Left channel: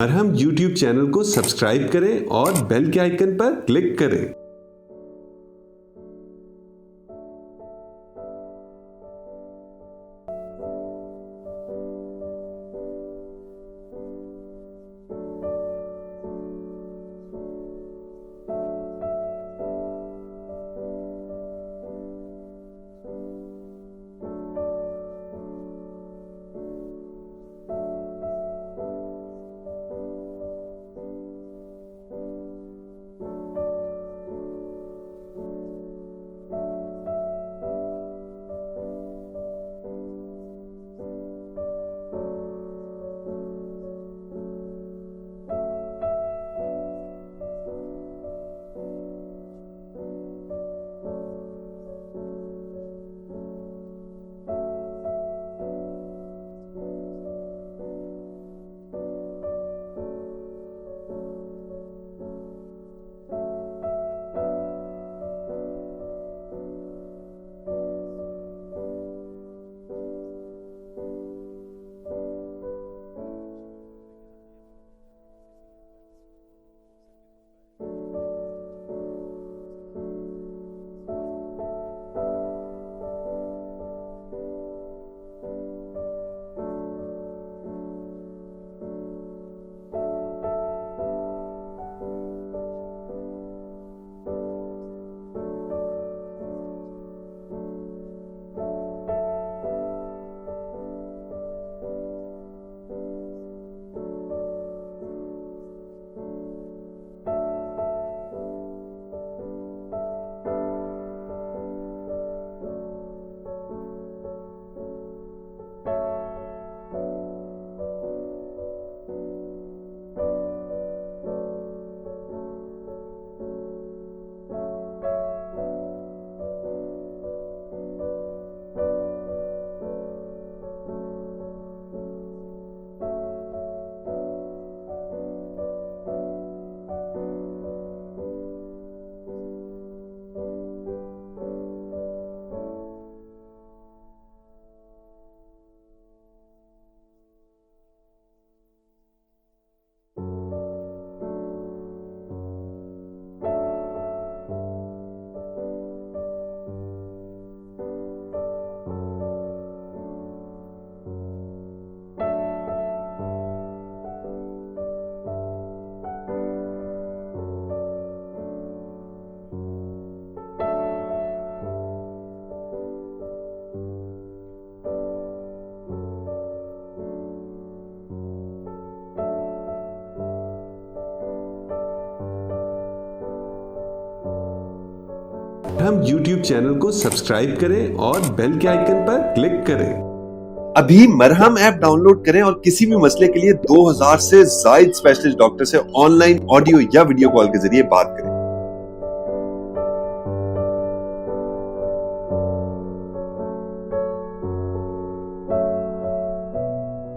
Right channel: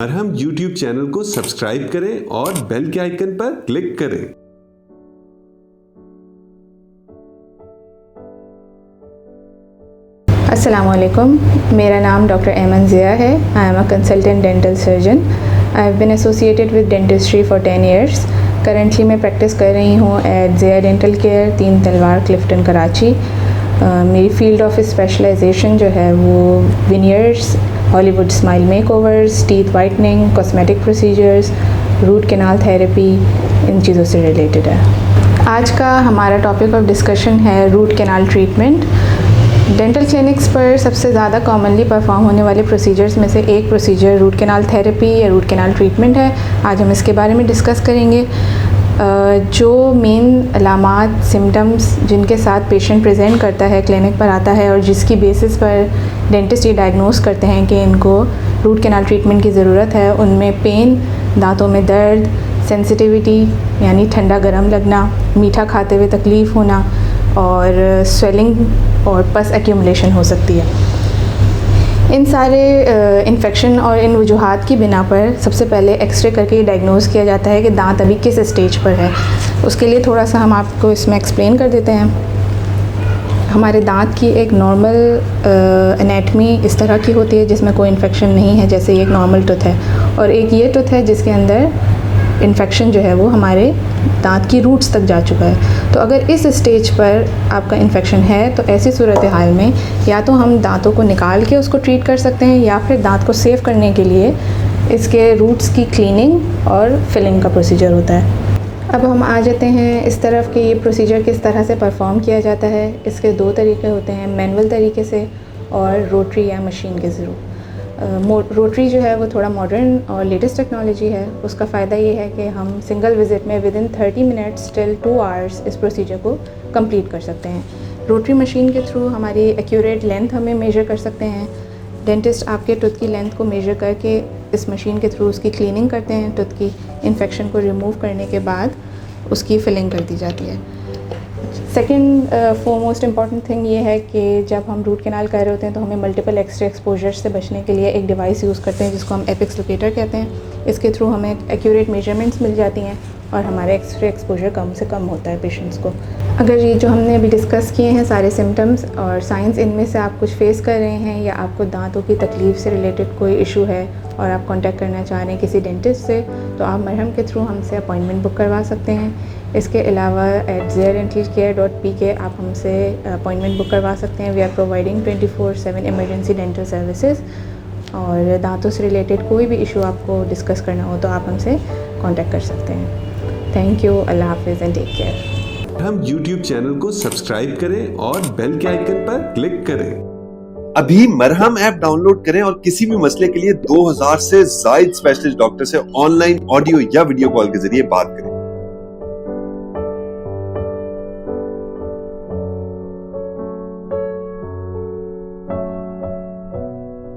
मरहम YouTube channel को subscribe करें और बेल के आइकन पर क्लिक करें। अस्सलामुअलैकुम, मेरा नाम डॉक्टर ऐमन ज़िया है। I am a consultant dental surgeon. I have been associated with dentistry for 10 years। Currently मैं प्रैक्टिस कर रही हूँ एट ज़िया डेंटल केयर, 3 तलवार, क्लिफ्टन, कराची। मेरी फील्ड ऑफ स्पेशलाइजेशन जो है वो veneers, Hollywood smile makeovers, teeth whitening, cosmetic procedures, root canal therapy, इन चीज़ों से रिलेटेड है। आज का हमारा टॉपिक ऑफ डिस्कशन है root canal treatment. Dental clinics पर सबसे ज़्यादा कॉमनली परफॉर्म होने वाले प्रोसीजर्स में से एक प्रोसीजर रूट कैनाल थेरेपी या रूट कैनाल ट्रीटमेंट है। आज हम इसके बारे में डिस्कस करेंगे। जो मेन अलामात, सिम्टम्स जिनके साथ पेशेंट प्रेजेंट करता है, क्लिनिक पर आता है और जिसकी बेसिस पर डेंटिस्ट ये डायग्नोस करते हैं कि इनको रूट कैनाल ट्रीटमेंट की ज़रूरत है, उनमें पेन, दांतों में दर्द, सेंसिटिविटी यानी ठंडा गर्म लगना, मीठा खाते हुए तकलीफ़ होना और स्वेलिंग और पस एक्यूमुलेशन हो सकती है। इन सारे इन्फेक्शन और इन वजूहात की बिना पर सबसे पहले एक्सरे करके डायग्नोस किया जाता है कि दांत अभी किस स्टेज पर है। उसके लिए थोड़ा सा हम आपको इसमें एक्सप्लेन कर देते हैं। हमारे दांत की एक नॉर्मल एनाटमी इस तरह की होती है जिसमें कोई इन्फेक्शन नहीं है, जैसे ये एक नॉर्मल टूथ है, और एक ये टूथ है जिसके अंदर इन्फेक्शन जो है वो हमारे दांत की रूट्स तक जा चुका है। तो अगर इस स्टेज पर आपका इन्फेक्शन है तो ऐसी सूरत हाल में या तो हम दांतों को निकाल के उसको ट्रीट कर सकते हैं या फिर दांत को सेव करने के लिए इसके रूट्स की क्लीनिंग और फिलिंग का प्रोसीजर होता है। अब हम आ जाते हैं इस तरफ कि ये प्रोसीजर किस तरह से परफॉर्म किया जाता है। इसके 2 तरीके होते हैं, मैनुअल तरीके से और रोटरी या मशीन के ज़रिए। रोटरी जो है वो थोड़ा मॉडर्न और लेटेस्ट टेक्नोलॉजी है। उसका फ़ायदा ये है कि हम सिंगल विज़िट में with in 30 minutes till 2 hours इस प्रोसीजर को कंप्लीट कर सकते हैं। रोटरी मशीन के थ्रू हमारी एक्यूरेट लेंथ हमें मेजर कर सकते हैं। डेंटिस्ट आपके टूथ की लेंथ को मेजर करके इस मशीन के थ्रू उसकी क्लीनिंग करते हैं। टूथ की इन्फेक्शन को रिमूव करने के बाद उसकी फिलिंग कर दी जाती है। सेकेंड मोस्ट इम्पॉर्टेंट थिंग ये है कि जब हम रूट कैनाल कर रहे होते हैं तो हमें मल्टीपल एक्सरे एक्सपोजर से बचने के लिए एक डिवाइस यूज़ करते हैं जिसको हम एपिक्स लोकेटर कहते हैं। इसके थ्रू हमें एक्यूरेट मेजरमेंट्स मिल जाती हैं और हमारा एक्सरे एक्सपोजर कम से कम होता है पेशेंट्स को। अगर ये जो हमने अभी डिस्कस किए हैं सारे सिम्टम्स और साइंस, इनमें से आप कुछ फेस कर रहे हैं या आपको दांतों की तकलीफ़ से रिलेटेड कोई इशू है और आप कांटेक्ट करना चाह रहे हैं किसी डेंटिस्ट से, तो आप मरहम के थ्रू हमसे अपॉइंटमेंट बुक करवा सकते हैं। इसके अलावा @ziadentalcare.pk आप हमसे अपॉइंटमेंट बुक करवा सकते हैं। We are providing 24/7 emergency dental services. और दांतों से रिलेटेड कोई भी इशू आपको डिस्कस करना हो तो आप हमसे कांटेक्ट कर सकते हैं। थैंक यू, अल्लाह हाफिज़ एंड टेक केयर। हम यूट्यूब चैनल को सब्सक्राइब करें और बेल के आइकन पर क्लिक करें। अभी मरहम ऐप डाउनलोड करें और किसी भी मसले के लिए 2000 से ज्यादा स्पेशलिस्ट डॉक्टर से ऑनलाइन ऑडियो या वीडियो कॉल के जरिए बात करें।